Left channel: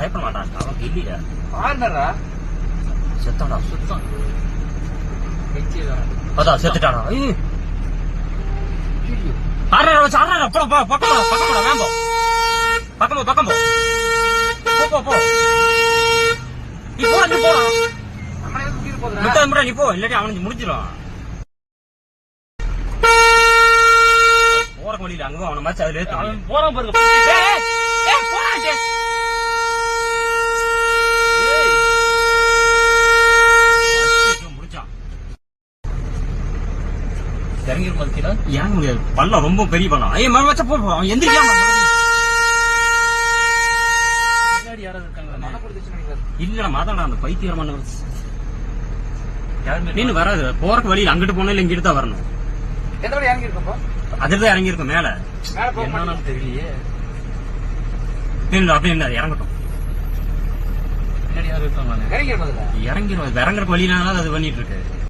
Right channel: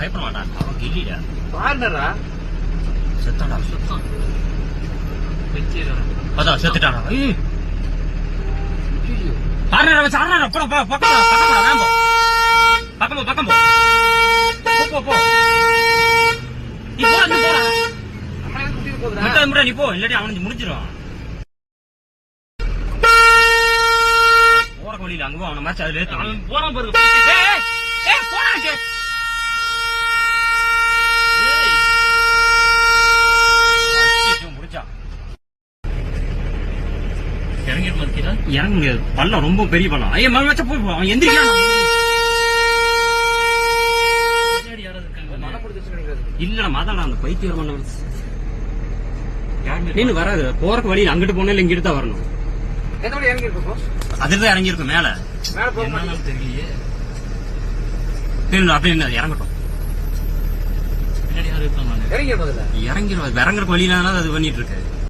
பயப்பட மாட்டான். அவன் கில்லிடா. பாருடா. செத்தாடா. அதான் செத்துட்டாடா. ஐயோ. ஆறா வச்சு ஆறா. போ போ பக்கம் போ வேம்போ. பக்கம் போ. போ. நீ போடா. அம்மா எதுக்கு கூட்டிட்டு போறா? மித்த முறை நீ போ. இல்லாட்டி அவனுக்கு முடிஞ்சிரும். போற வழியில அங்க அவன மாச்சு அதுல அவன் போறான் பாருங்க. ஏய் போறாங்க. ஏய் அடிச்சு முடிச்சா. இறங்கி போறதுடா. இறங்க முடியாது. பள்ளம் ரொம்ப பெரிய பள்ளம். ஐய மர வச்ச போ. அவன் எந்திரிக்காம. பின்னாடி யாராவது இருக்காங்க? இல்லடா மாதாடா அந்த பைத்தியமான யாரு நீ வராது. போறக்கு வழியில அங்கிட்டு போனா இல்ல இங்கிட்டு தான் வரணும். எதோட இறங்கி இருக்கப்போ? அதுதான் இறங்கி இருக்கும் மேல. என்னன்னு தெரியலையே. அப்படி என்ன இறங்கட்டும். இறங்கிடுவோம். இறங்குற வழியில அது பண்ணிட்டு இருக்கு.